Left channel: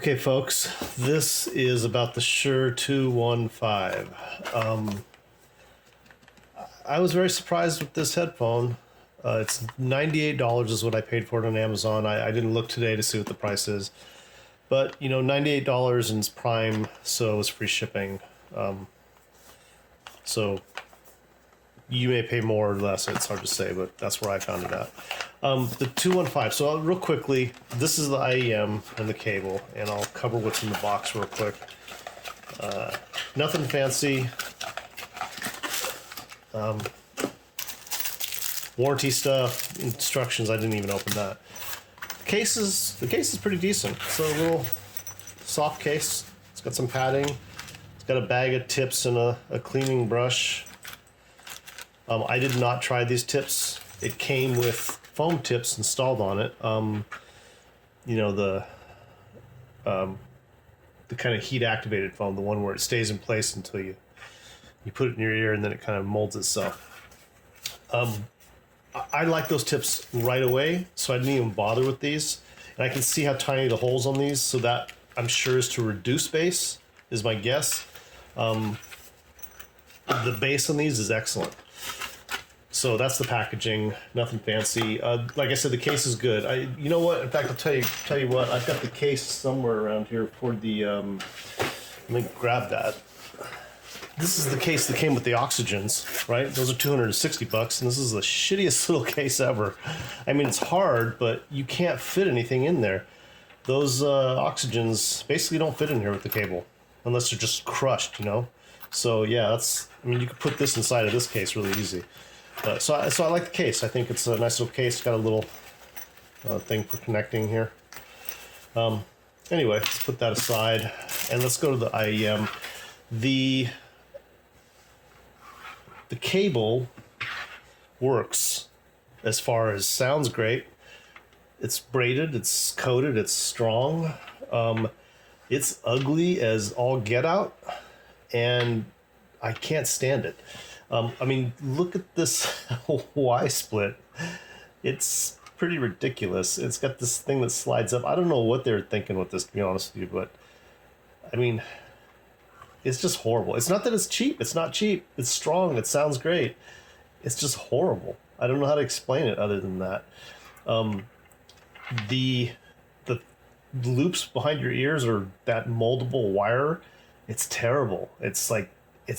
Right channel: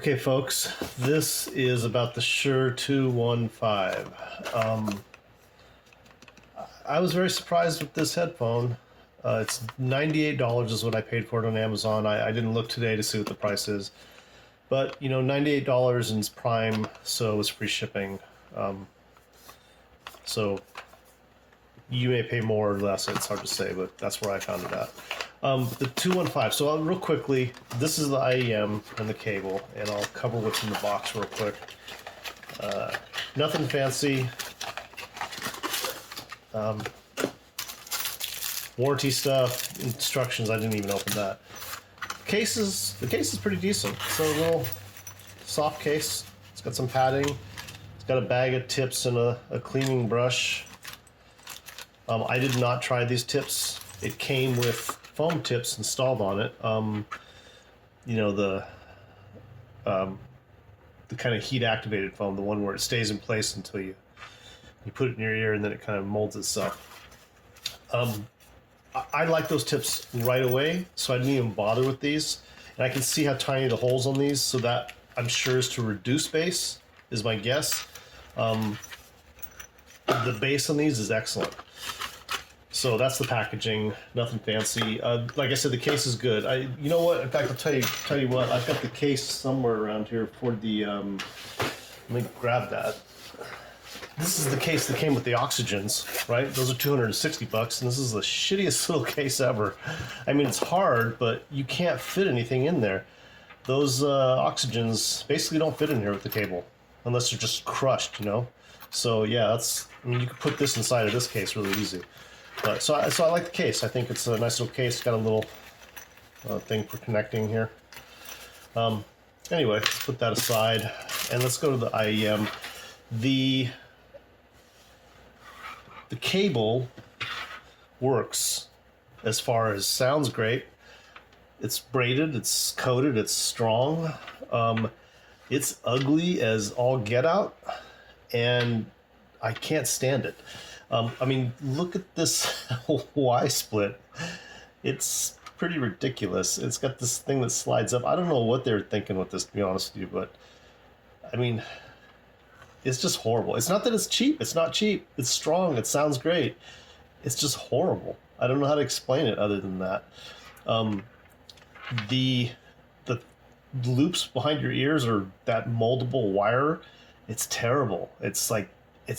Okay, folks, this is about the Shure 215. I was very surprised with this headphone. It's $98 is what I paid for it on Amazon. I didn't look today to see what the price is. But, you know, $98 in Prime, so it's free shipping. So you may pay more or less, it's hard to say, but that's where I found it at. The 215, so real quickly, this is the IEM and the cable, and I'll cover what's in the box real quick. Nothing fancy. Warranty stuff, instructions, I didn't even open that. The case is pretty decent. It's a little soft case. It's got some padding. It's got a bag of tips and a cleaning brush. I did not try these tips. It came with foam tips installed on it. You know, the kind of heat activated foam, the one where it stays in place until you put it in your ear and then it kind of molds itself. I like those tips right away, so I didn't even bother with these. And I can see how tiny the holes on these, so that I'm sure is to reduce bass, is my guess. The bass on these is excellent. So that's the packaging, nothing fancy. Like I said, the case is good. You know what? In fact, I'll tell you what. I've got the case somewhere around here for the. Let me grab that. This is the case that came with the Oxygens, right? Those are $260, and this is the shittiest little case ever. I mean, it's hard, but you can't fit anything in there. Those Oxygens basically don't fit in here with the cable, unless they're just crushed, you know. So yeah, I mean, you could put this inside of this case really easy. So I like the case. I think it's a nice little case. It's got a little thing for connecting here. Anyway, let's put that aside, and let's go to the IEM. The cable works as far as sounds great. It's braided, it's coated, it's strong. It's ugly as all get out, and I can't stand it. I mean, look at this Y split. It's pretty ridiculous. It's got this thing that slides up. I don't know what they're thinking with this, to be honest with you, but I mean, it's just horrible. It's not that it's cheap. It's not cheap. It's strong. It sounds great. It's just horrible. I don't know how to explain it other than that. The loops behind your ears or that moldable wire, it's terrible. It's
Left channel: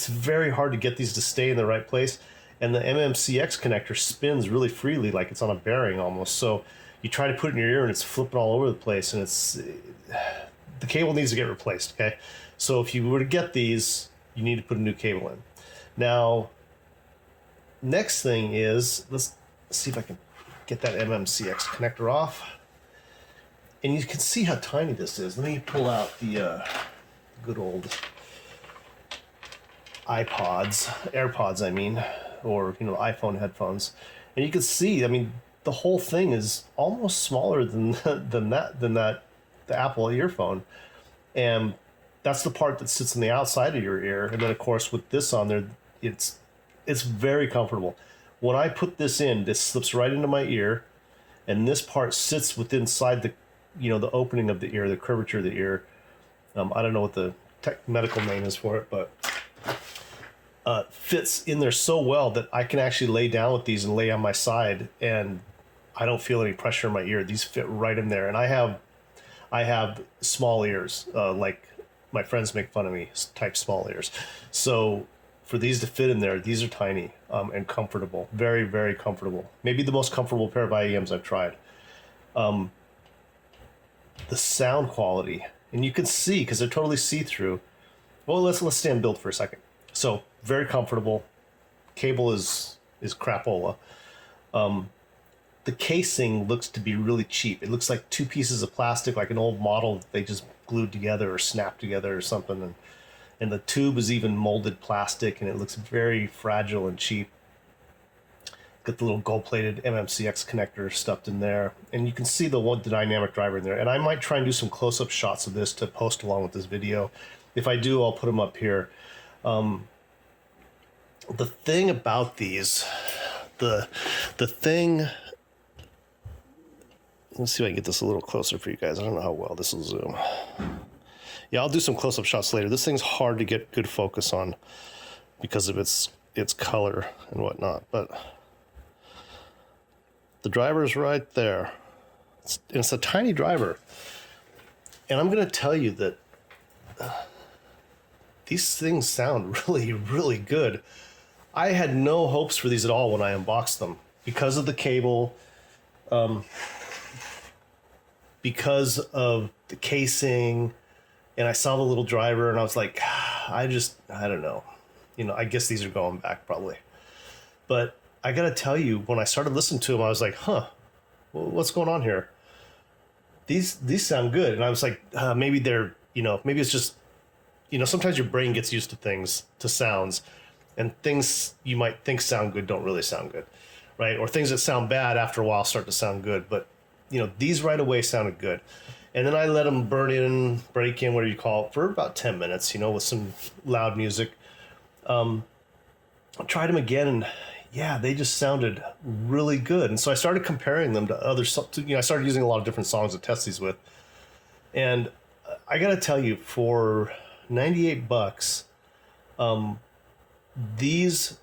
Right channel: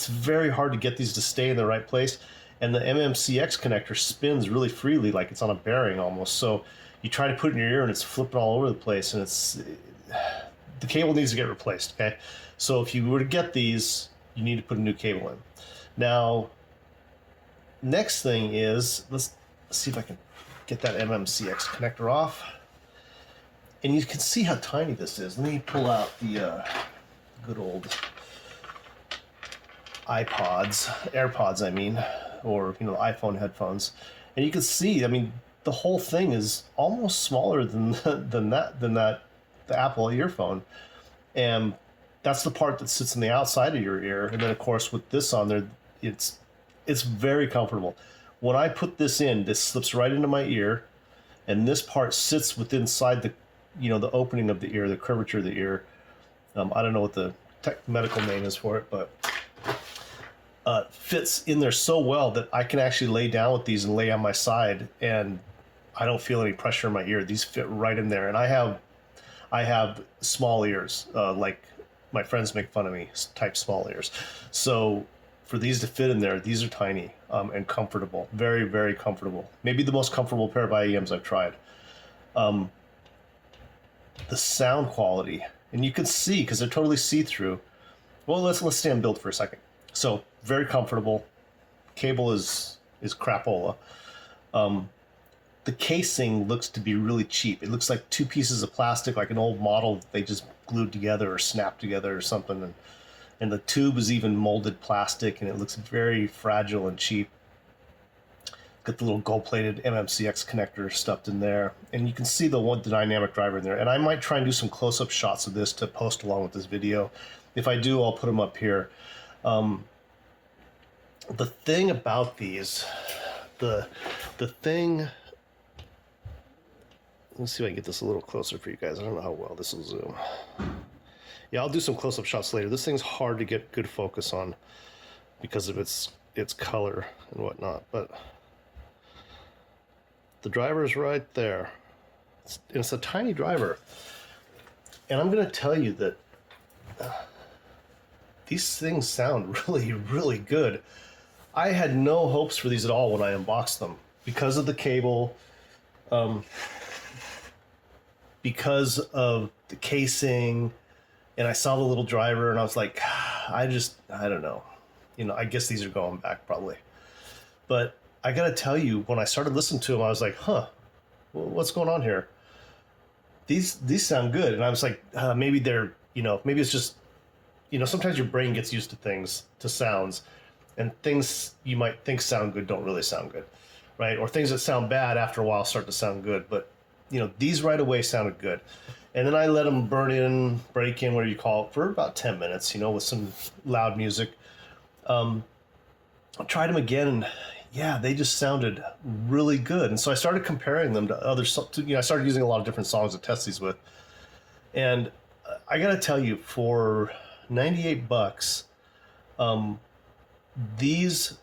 very hard to get these to stay in the right place. And the MMCX connector spins really freely, like it's on a bearing almost. So you try to put it in your ear and it's flipping all over the place, and the cable needs to get replaced, okay? So if you were to get these, you need to put a new cable in. Now, next thing is, let's see if I can get that MMCX connector off. And you can see how tiny this is. Let me pull out the good old AirPods, I mean, or, you know, iPhone headphones. And you can see, I mean, the whole thing is almost smaller than the Apple earphone. And that's the part that sits on the outside of your ear. And then, of course, with this on there, it's very comfortable. When I put this in, this slips right into my ear, and this part sits inside the, you know, the opening of the ear, the curvature of the ear. I don't know what the medical name is for it, but fits in there so well that I can actually lay down with these and lay on my side, and I don't feel any pressure in my ear. These fit right in there, and I have small ears, like my friends make fun of me, type small ears. So for these to fit in there, these are tiny and comfortable. Very, very comfortable. Maybe the most comfortable pair of IEMs I've tried. The sound quality, and you can see, because they're totally see-through. Well, let's stay on build for a second. So very comfortable. Cable is crapola. The casing looks to be really cheap. It looks like two pieces of plastic, like an old model they just glued together or snapped together or something. And the tube is even molded plastic, and it looks very fragile and cheap. Got the little gold-plated MMCX connector stuffed in there. And you can see the dynamic driver in there. And I might try and do some close-up shots of this to post along with this video. If I do, I'll put them up here. The thing about these, the thing Let's see if I can get this a little closer for you guys. I don't know how well this will zoom. Yeah, I'll do some close-up shots later. This thing's hard to get good focus on because of its color and whatnot, but the driver's right there. It's a tiny driver. And I'm going to tell you that these things sound really, really good. I had no hopes for these at all when I unboxed them because of the cable, because of the casing, and I saw the little driver and I was like, I don't know. I guess these are going back probably. But I got to tell you, when I started listening to them, I was like, what's going on here? These sound good. And I was like, maybe they're, maybe it's just, sometimes your brain gets used to things, to sounds, and things you might think sound good don't really sound good, right? Or things that sound bad after a while start to sound good. But, these right away sounded good. And then I let them break in, whatever you call it, for about 10 minutes, with some loud music. I tried them again, and yeah, they just sounded really good. And so I started comparing them to other, I started using a lot of different songs to test these with. And I got to tell you, for $98, these,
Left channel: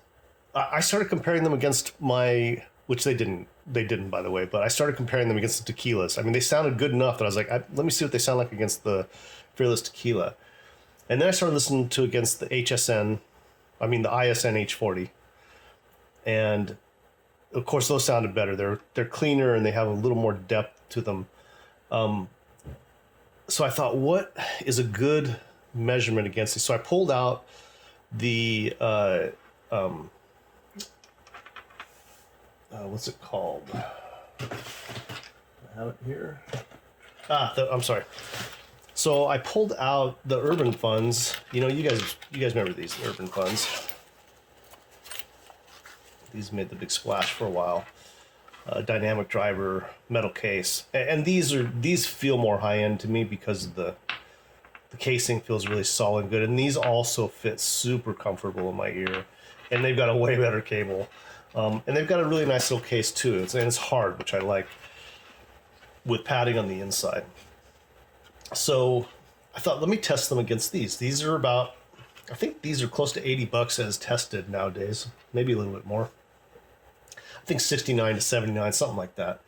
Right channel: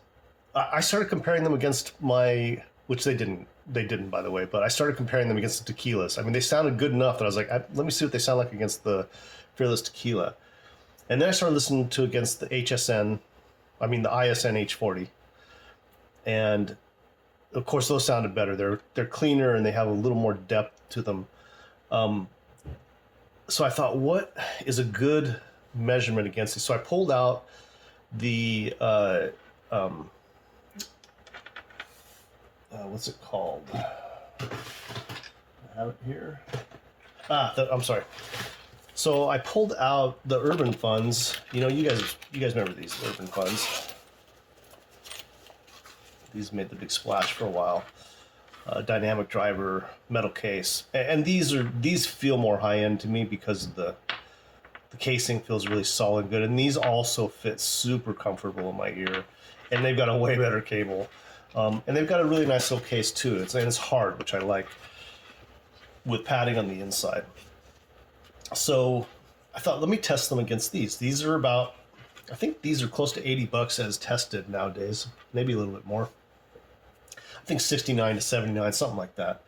I started comparing them against which they didn't, by the way, but I started comparing them against the Tequilas. I mean, they sounded good enough that I was like, let me see what they sound like against the Fearless Tequila. And then I started listening to against the the ISN H40. And of course, those sounded better. They're cleaner and they have a little more depth to them. So I thought, what is a good measurement against these? So I pulled out the what's it called? I have it here. I'm sorry. So I pulled out the Urban Funds. You guys remember these Urban Funds? These made the big splash for a while. Dynamic driver, metal case, and these feel more high end to me because the casing feels really solid and good, and these also fit super comfortable in my ear, and they've got a way better cable, and they've got a really nice little case too. It's hard, which I like, with padding on the inside. So I thought, let me test them against these. These are about, I think these are close to $80 as tested nowadays, maybe a little bit more. I think 69 to 79, something like that.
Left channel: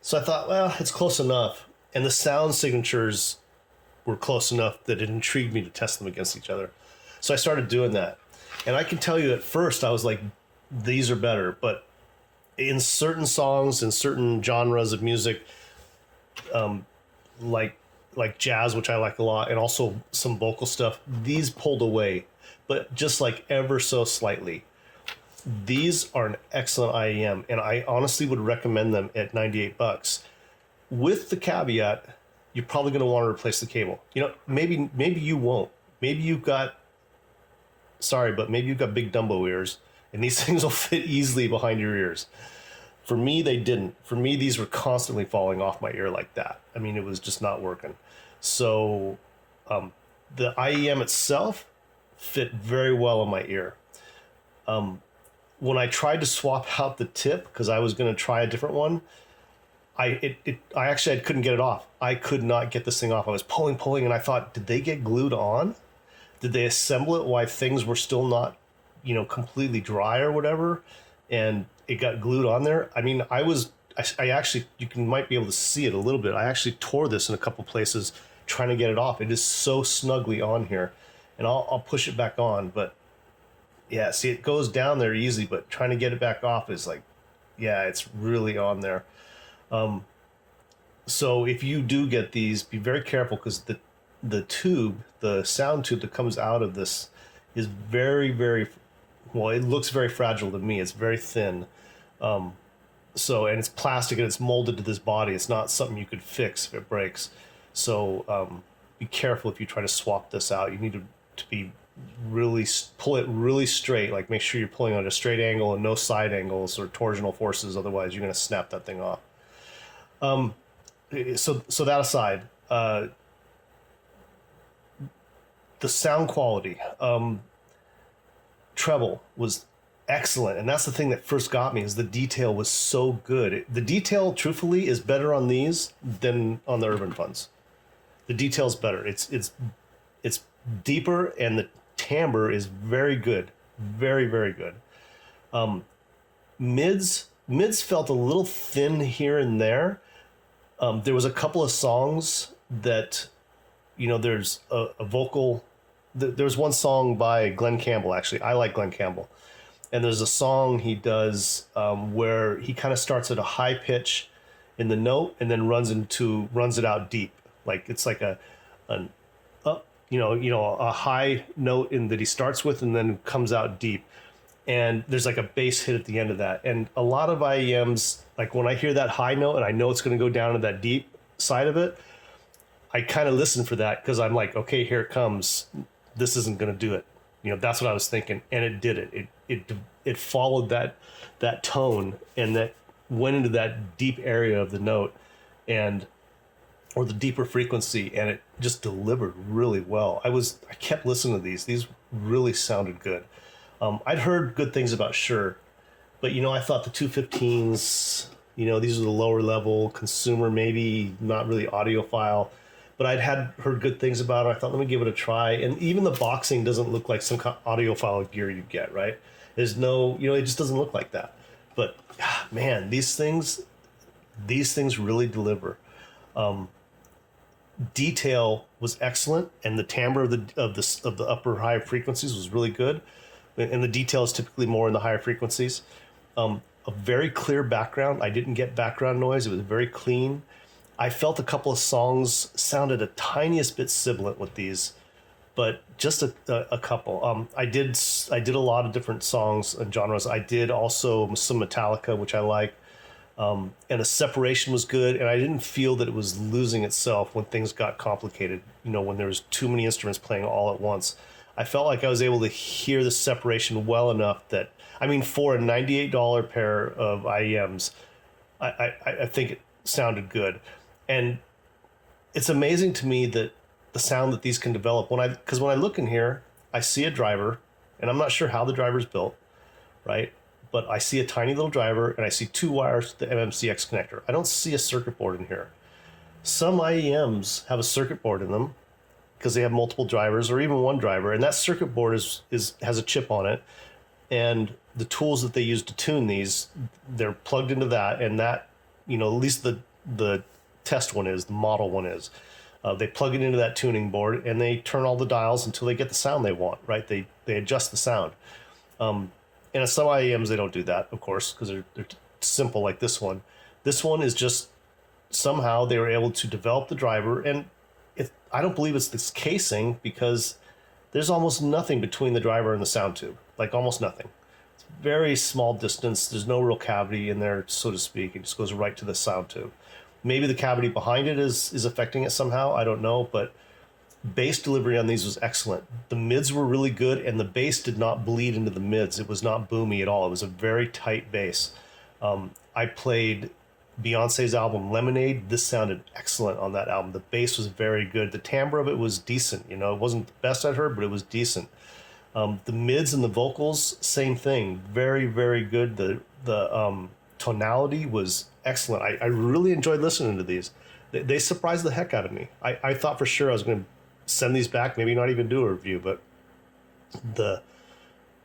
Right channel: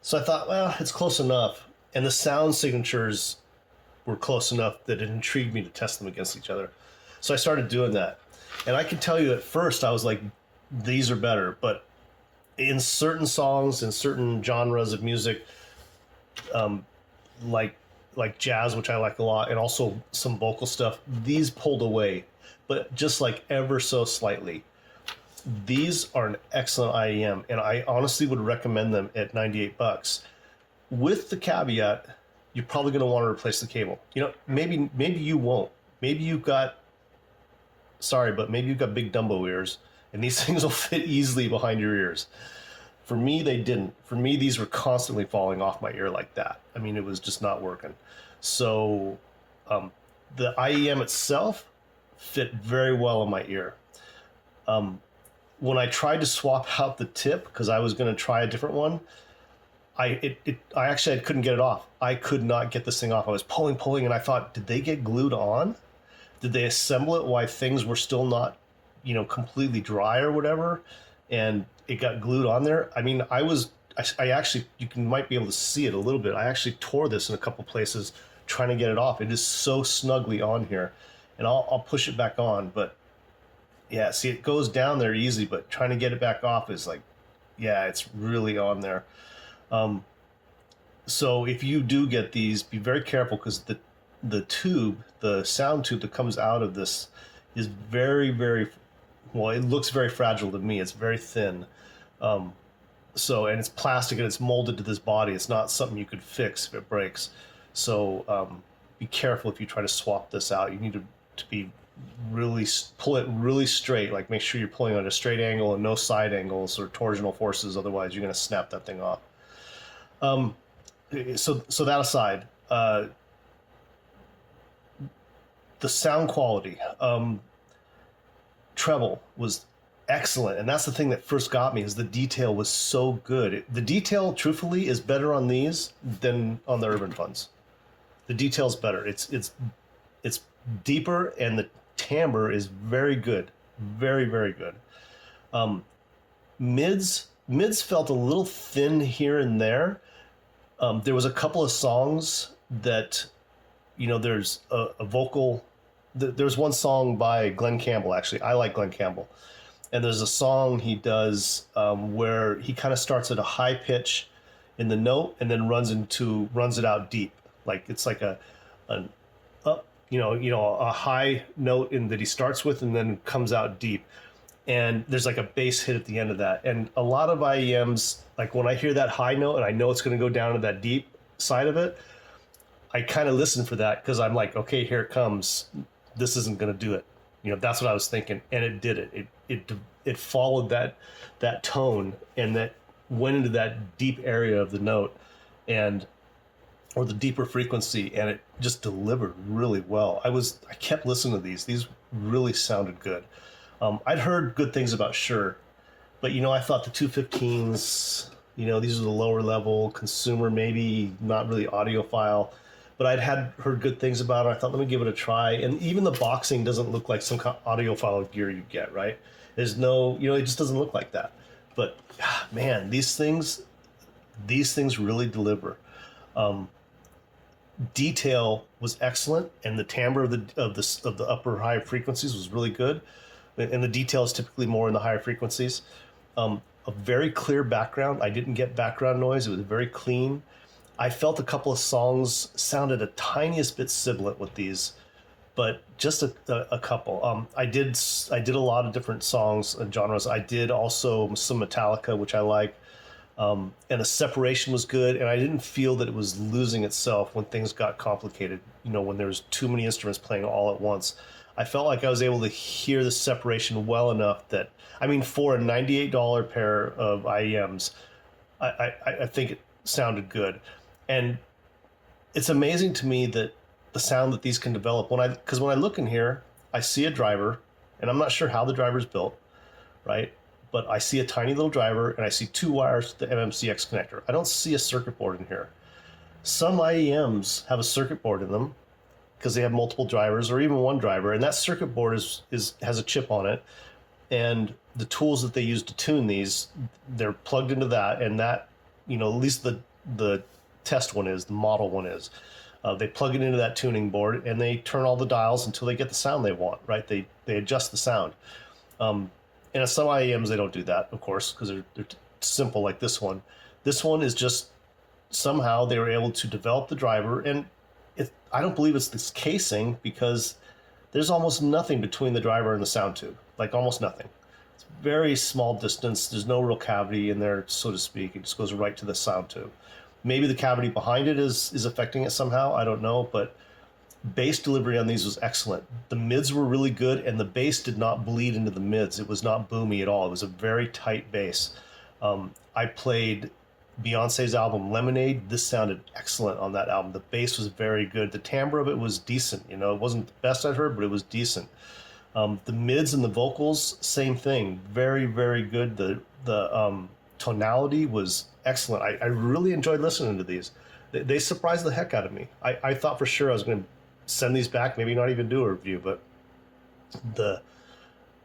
So I thought, well, it's close enough. And the sound signatures were close enough that it intrigued me to test them against each other. So I started doing that. And I can tell you at first, I was like, these are better. But in certain songs, in certain genres of music, like jazz, which I like a lot, and also some vocal stuff, these pulled away, but just like ever so slightly. These are an excellent IEM, and I honestly would recommend them at $98. With the caveat, you're probably going to want to replace the cable. Maybe you won't. Maybe you've got big Dumbo ears, and these things will fit easily behind your ears. For me, they didn't. For me, these were constantly falling off my ear like that. I mean, it was just not working. So the IEM itself fit very well in my ear. When I tried to swap out the tip, because I was going to try a different one, I couldn't get it off. I could not get this thing off. I was pulling, and I thought, did they get glued on? Did they assemble it while things were still not, completely dry or whatever? And it got glued on there. I mean, I actually, might be able to see it a little bit. I actually tore this in a couple places trying to get it off. It is so snugly on here, and I'll push it back on. But yeah, see, it goes down there easy, but trying to get it back off is like, yeah, it's really on there. So if you do get these, be very careful, because the tube, the sound tube that comes out of this is very, very, well, it looks very fragile to me. It's very thin. And it's plastic and it's molded to this body. It's not something you could fix if it breaks. So be careful if you try to swap this out. You need to be pull it really straight. Like, make sure you're pulling at a straight angle and no side angles or torsional forces. Otherwise, you're going to snap that thing off. So that aside, the sound quality, treble was excellent. And that's the thing that first got me, is the detail was so good. The detail, truthfully, is better on these than on the Urban Funds. The detail's better. It's deeper, and the timbre is very good, very very good. Mids felt a little thin here and there. There was a couple of songs that, there's a vocal. There's one song by Glenn Campbell. Actually, I like Glenn Campbell, and there's a song he does where he kind of starts at a high pitch in the note and then runs it out deep, like it's like an up, a high note in that he starts with and then comes out deep, and there's like a bass hit at the end of that. And a lot of IEMs, like when I hear that high note and I know it's going to go down to that deep side of it, I kind of listen for that, because I'm like, okay, here it comes. This isn't going to do it. That's what I was thinking, and it did it. It followed that tone, and that went into that deep area of the note, or the deeper frequency, and it just delivered really well. I kept listening to these. These really sounded good. I'd heard good things about Shure, but I thought the 215s, these are the lower level consumer, maybe not really audiophile, but I'd heard good things about it. I thought, let me give it a try. And even the boxing doesn't look like some kind of audiophile gear you get, right? There's no, it just doesn't look like that. But man, these things really deliver. Detail was excellent, and the timbre of the upper high frequencies was really good, and the detail is typically more in the higher frequencies. A very clear background. I didn't get background noise. It was very clean. I felt a couple of songs sounded a tiniest bit sibilant with these, but just a couple. I did a lot of different songs and genres. I did also some Metallica, which I like. And the separation was good, and I didn't feel that it was losing itself when things got complicated. When there was too many instruments playing all at once, I felt like I was able to hear the separation well enough that, for a $98 pair of IEMs, I think it sounded good. And it's amazing to me that the sound that these can develop. Because when I look in here, I see a driver, and I'm not sure how the driver's built, right? But I see a tiny little driver, and I see 2 wires to the MMCX connector. I don't see a circuit board in here. Some IEMs have a circuit board in them because they have multiple drivers, or even one driver, and that circuit board has a chip on it. And the tools that they use to tune these, they're plugged into that, and that, at least the test one is, the model one is. They plug it into that tuning board, and they turn all the dials until they get the sound they want, right? They adjust the sound. And at some IEMs, they don't do that, of course, because they're simple like this one. This one is just, somehow they were able to develop the driver, and I don't believe it's this casing, because there's almost nothing between the driver and the sound tube, like almost nothing. It's very small distance. There's no real cavity in there, so to speak. It just goes right to the sound tube. Maybe the cavity behind it is affecting it somehow. I don't know, but bass delivery on these was excellent. The mids were really good, and the bass did not bleed into the mids. It was not boomy at all. It was a very tight bass. I played Beyonce's album Lemonade. This sounded excellent on that album. The bass was very good. The timbre of it was decent. It wasn't the best I'd heard, but it was decent. The mids and the vocals, same thing. Very, very good. The tonality was excellent. I really enjoyed listening to these. They surprised the heck out of me. I thought for sure I was going to send these back, maybe not even do a review, but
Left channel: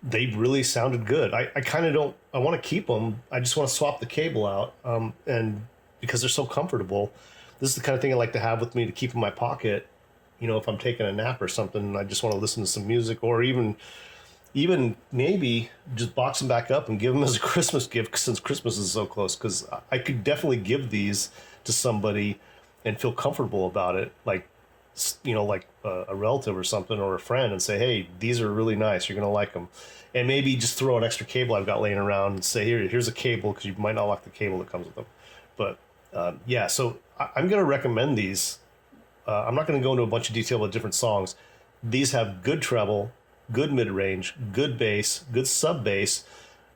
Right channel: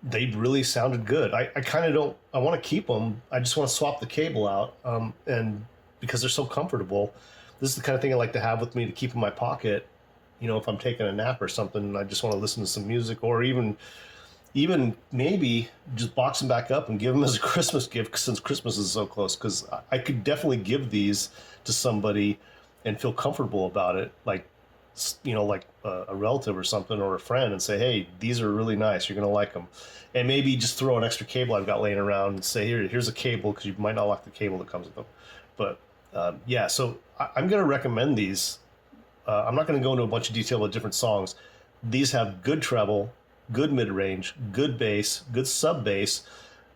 they really sounded good. I kind of don't, I want to keep them. I just want to swap the cable out, and because they're so comfortable. This is the kind of thing I like to have with me to keep in my pocket. If I'm taking a nap or something, I just want to listen to some music, or even maybe just box them back up and give them as a Christmas gift, since Christmas is so close, because I could definitely give these to somebody and feel comfortable about it, like a relative or something, or a friend, and say, hey, these are really nice, you're gonna like them. And maybe just throw an extra cable I've got laying around and say, here's a cable, because you might not like the cable that comes with them. But so I'm gonna recommend these. I'm not gonna go into a bunch of detail about different songs. These have good treble, good mid-range, good bass, good sub-bass.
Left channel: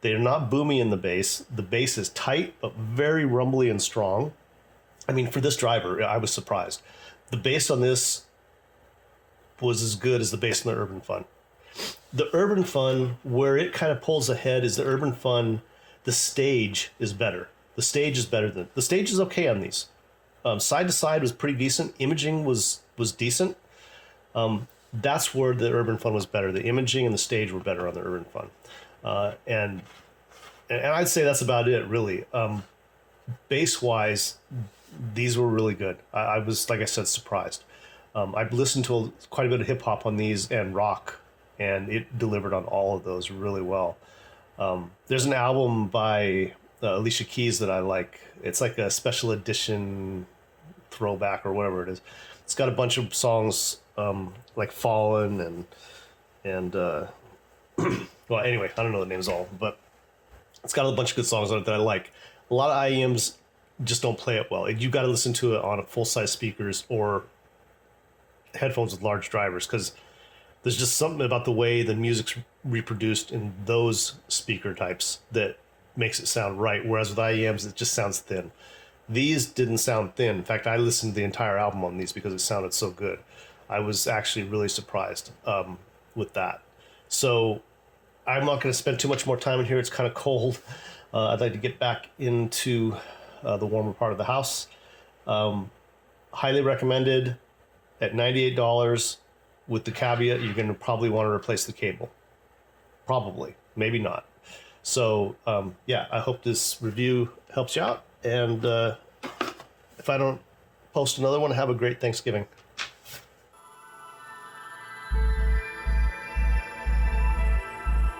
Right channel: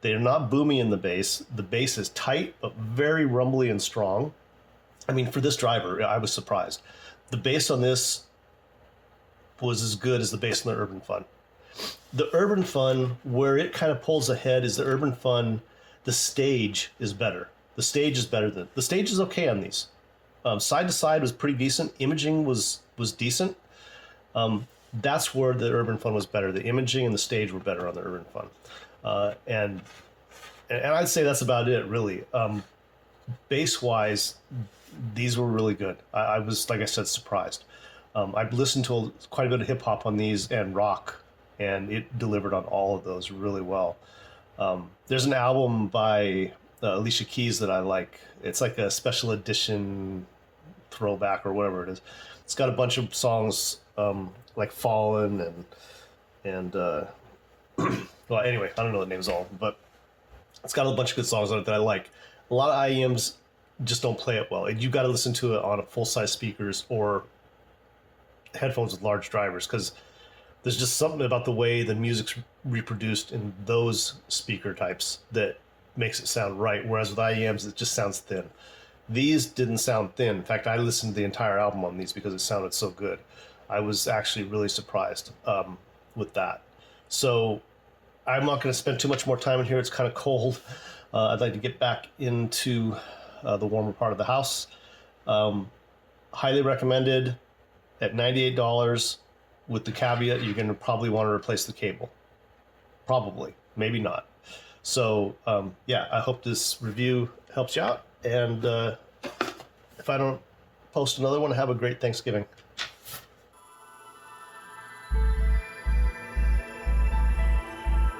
They are not boomy in the bass. The bass is tight, but very rumbly and strong. For this driver, I was surprised. The bass on this was as good as the bass in the Urban Fun. the Urban Fun, where it kind of pulls ahead is the Urban Fun. The stage is better. The stage is okay on these. Side to side was pretty decent. Imaging was decent. That's where the Urban Fun was better. The imaging and the stage were better on the Urban Fun, and I'd say that's about it really. Bass wise, these were really good. I was, like I said, surprised. I've listened to quite a bit of hip hop on these and rock, and it delivered on all of those really well. There's an album by Alicia Keys that I like. It's like a special edition throwback or whatever it is. It's got a bunch of songs like Fallen and well, anyway, I don't know the names all, but it's got a bunch of good songs on it that I like. A lot of IEMs just don't play it well. You got to listen to it on a full size speakers or headphones with large drivers, because there's just something about the way the music's reproduced in those speaker types that makes it sound right. Whereas with IEMs, it just sounds thin. These didn't sound thin. In fact, I listened to the entire album on these because it sounded so good. I was actually really surprised with that. So I'm not going to spend too much more time in here. It's kind of cold. I'd like to get back into the warmer part of the house. Highly recommended at $98, with the caveat you're going to probably want to replace the cable. Probably, maybe not. So yeah, I hope this review helps you out. And if I don't post another one, have a great Thanksgiving.